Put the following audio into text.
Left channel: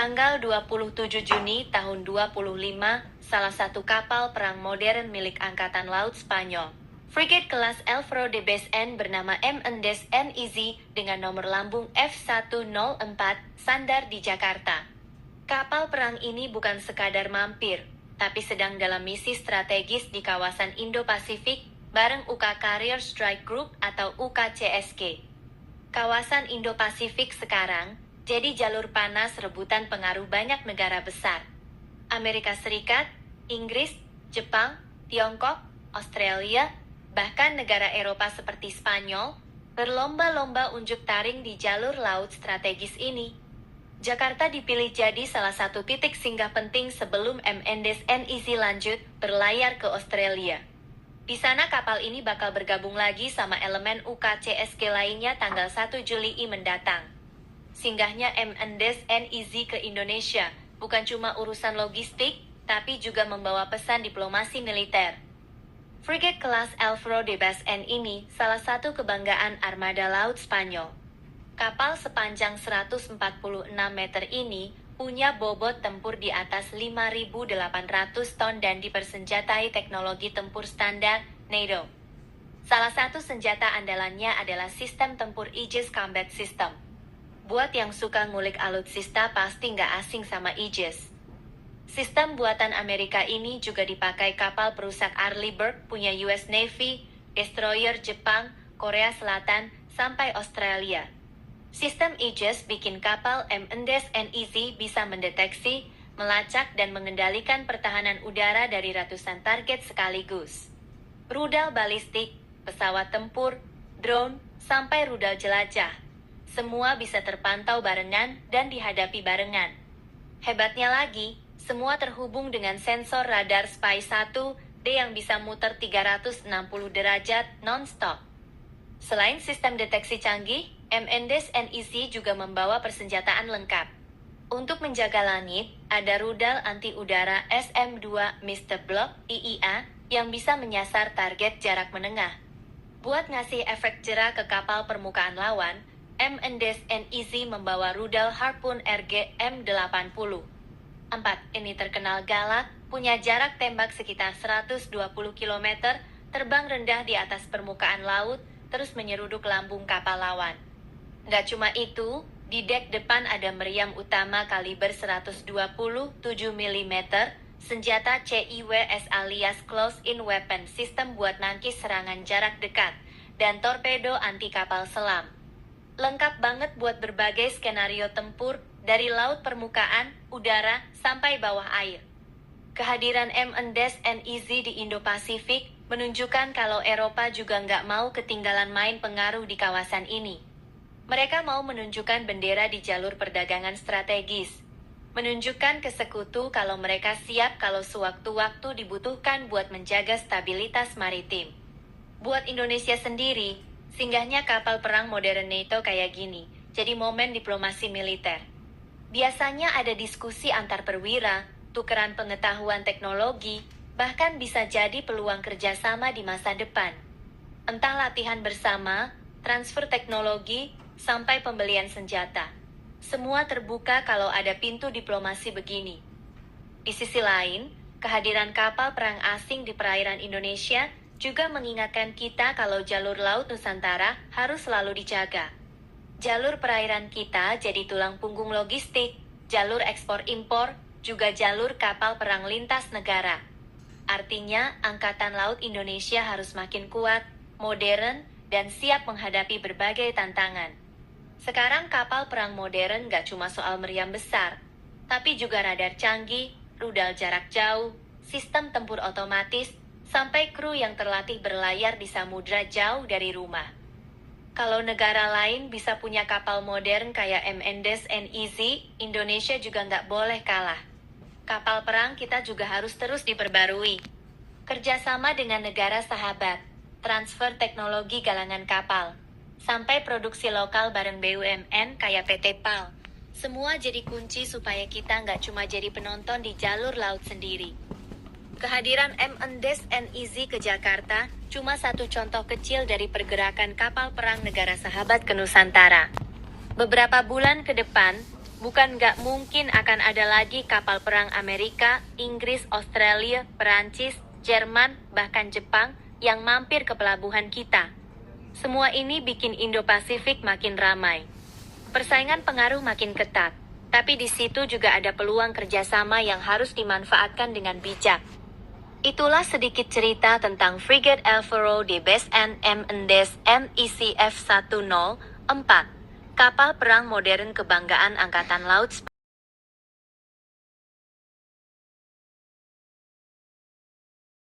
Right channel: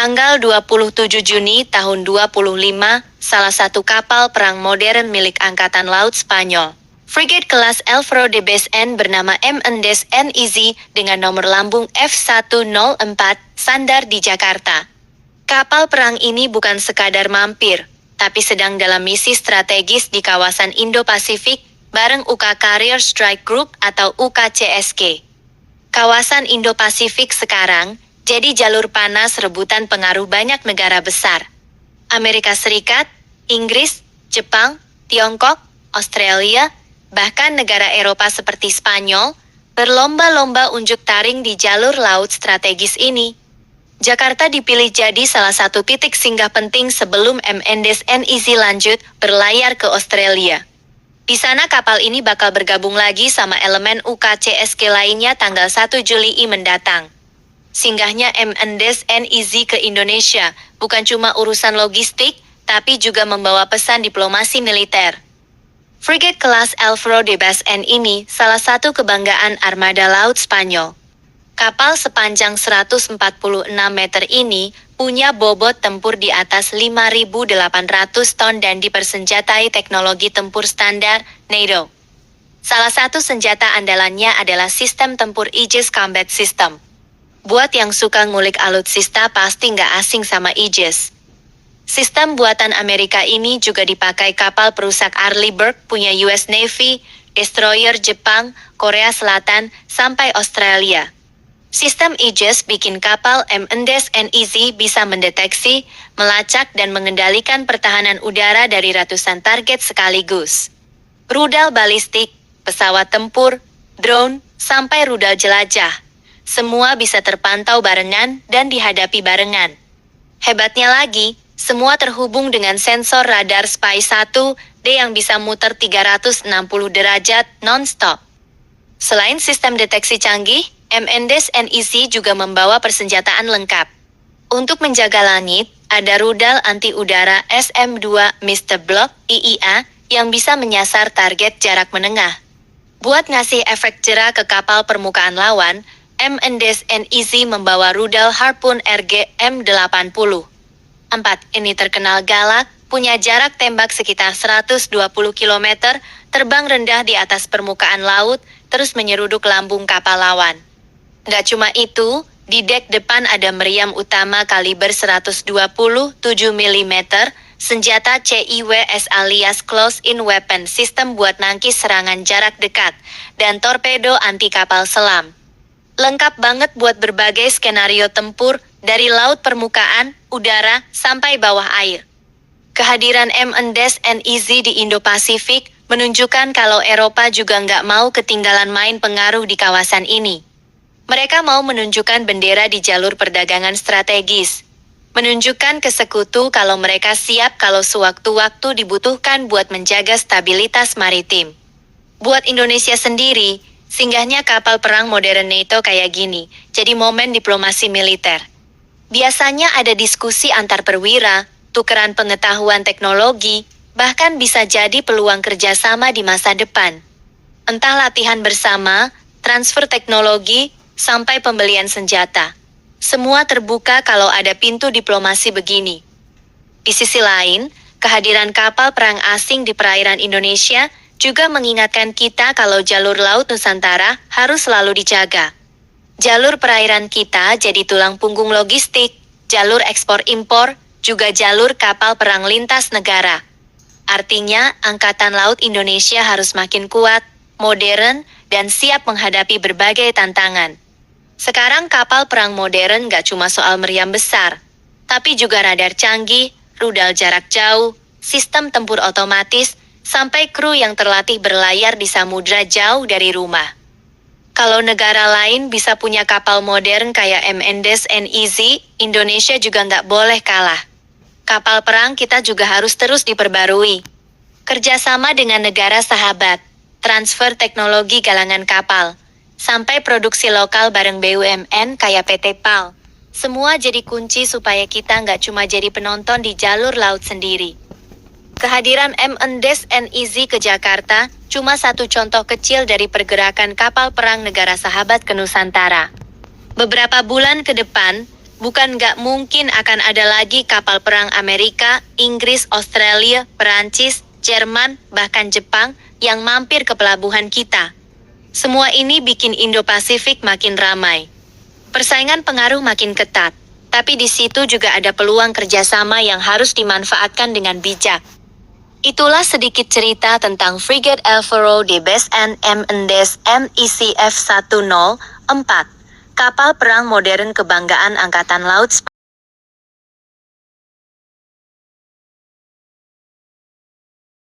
Tanggal 27 Juni tahun 25, salah satu kapal perang modern milik Angkatan Laut Spanyol, frigate kelas Alvaro de Besen bernama M. NEZ dengan nomor lambung F104 sandar di Jakarta. Kapal perang ini bukan sekadar mampir, tapi sedang dalam misi strategis di kawasan Indo-Pasifik bareng UK Carrier Strike Group atau UKCSG. Kawasan Indo-Pasifik sekarang jadi jalur panas rebutan pengaruh banyak negara besar. Amerika Serikat, Inggris, Jepang, Tiongkok, Australia, bahkan negara Eropa seperti Spanyol, berlomba-lomba unjuk taring di jalur laut strategis ini. Jakarta dipilih jadi salah satu titik singgah penting sebelum MNDS-NEZ lanjut berlayar ke Australia. Di sana kapal ini bakal bergabung lagi sama elemen UKCSG lainnya tanggal 1 Juli mendatang. Singgahnya MNDS-NEZ ke Indonesia bukan cuma urusan logistik, tapi juga membawa pesan diplomasi militer. Frigate kelas Alvaro de Besen ini salah satu kebanggaan armada laut Spanyol. Kapal sepanjang 146 meter ini punya bobot tempur di atas 5.800 ton dan dipersenjatai teknologi tempur standar NATO. Salah satu senjata andalannya adalah sistem tempur Aegis Combat System. Buat yang suka ngulik alutsista pasti nggak asing sama Aegis. Sistem buatan Amerika ini juga dipakai kapal perusak Arleigh punya US Navy, destroyer Jepang, Korea Selatan, sampai Australia. Sistem Aegis bikin kapal MNDS-NEZ bisa mendeteksi, melacak dan mengendalikan pertahanan udara dari ratusan target sekaligus. Rudal balistik, pesawat tempur, drone, sampai rudal jelajah. Semua bisa terpantau barengan dan dihadapi barengan. Hebatnya lagi, semua terhubung dengan sensor radar Spy-1D yang bisa muter 360 derajat non-stop. Selain sistem deteksi canggih, MNDS-NEZ juga membawa persenjataan lengkap. Untuk menjaga langit, ada rudal anti-udara SM-2 Mr. Block IIA yang bisa menyasar target jarak menengah. Buat ngasih efek jerah ke kapal permukaan lawan, MNDS-NEZ membawa rudal Harpoon RG-M80. 4. Ini terkenal galak, punya jarak tembak sekitar 120 km, terbang rendah di atas permukaan laut, terus menyeruduk lambung kapal lawan. Gak cuma itu, di dek depan ada meriam utama kaliber 127 mm, senjata CIWS alias Close-in Weapon System buat nangkis serangan jarak dekat, dan torpedo anti kapal selam. Lengkap banget buat berbagai skenario tempur, dari laut permukaan, udara, sampai bawah air. Kehadiran MNDS-NEZ di Indo-Pasifik menunjukkan kalau Eropa juga nggak mau ketinggalan main pengaruh di kawasan ini. Mereka mau menunjukkan bendera di jalur perdagangan strategis. Menunjukkan ke sekutu kalau mereka siap kalau sewaktu-waktu dibutuhkan buat menjaga stabilitas maritim. Buat Indonesia sendiri, singgahnya kapal perang modern NATO kayak gini, jadi momen diplomasi militer. Biasanya ada diskusi antar perwira, tukeran pengetahuan teknologi, bahkan bisa jadi peluang kerjasama di masa depan. Entah latihan bersama, transfer teknologi, sampai pembelian senjata. Semua terbuka kalau ada pintu diplomasi begini. Di sisi lain, kehadiran kapal perang asing di perairan Indonesia juga mengingatkan kita kalau jalur laut Nusantara harus selalu dijaga. Jalur perairan kita jadi tulang punggung logistik, jalur ekspor-impor, juga jalur kapal perang lintas negara. Artinya, Angkatan Laut Indonesia harus makin kuat, modern, dan siap menghadapi berbagai tantangan. Sekarang kapal perang modern gak cuma soal meriam besar, tapi juga radar canggih, rudal jarak jauh, sistem tempur otomatis, sampai kru yang terlatih berlayar di samudra jauh dari rumah. Kalau negara lain bisa punya kapal modern kayak MNDS-NEZ, Indonesia juga nggak boleh kalah. Kapal perang kita juga harus terus diperbarui. Kerjasama dengan negara sahabat, transfer teknologi galangan kapal, sampai produksi lokal bareng BUMN kayak PT PAL. Semua jadi kunci supaya kita nggak cuma jadi penonton di jalur laut sendiri. Kehadiran MNDS-NEZ ke Jakarta cuma satu contoh kecil dari pergerakan kapal perang negara sahabat ke Nusantara. Beberapa bulan ke depan, Bukan nggak mungkin akan ada lagi kapal perang Amerika, Inggris, Australia, Perancis, Jerman, bahkan Jepang yang mampir ke pelabuhan kita. Semua ini bikin Indo-Pasifik makin ramai. Persaingan pengaruh makin ketat, tapi di situ juga ada peluang kerjasama yang harus dimanfaatkan dengan bijak. Itulah sedikit cerita tentang Frigate Alvaro de Besen M. Endes MIC F-104, kapal perang modern kebanggaan Angkatan Laut Spanyol.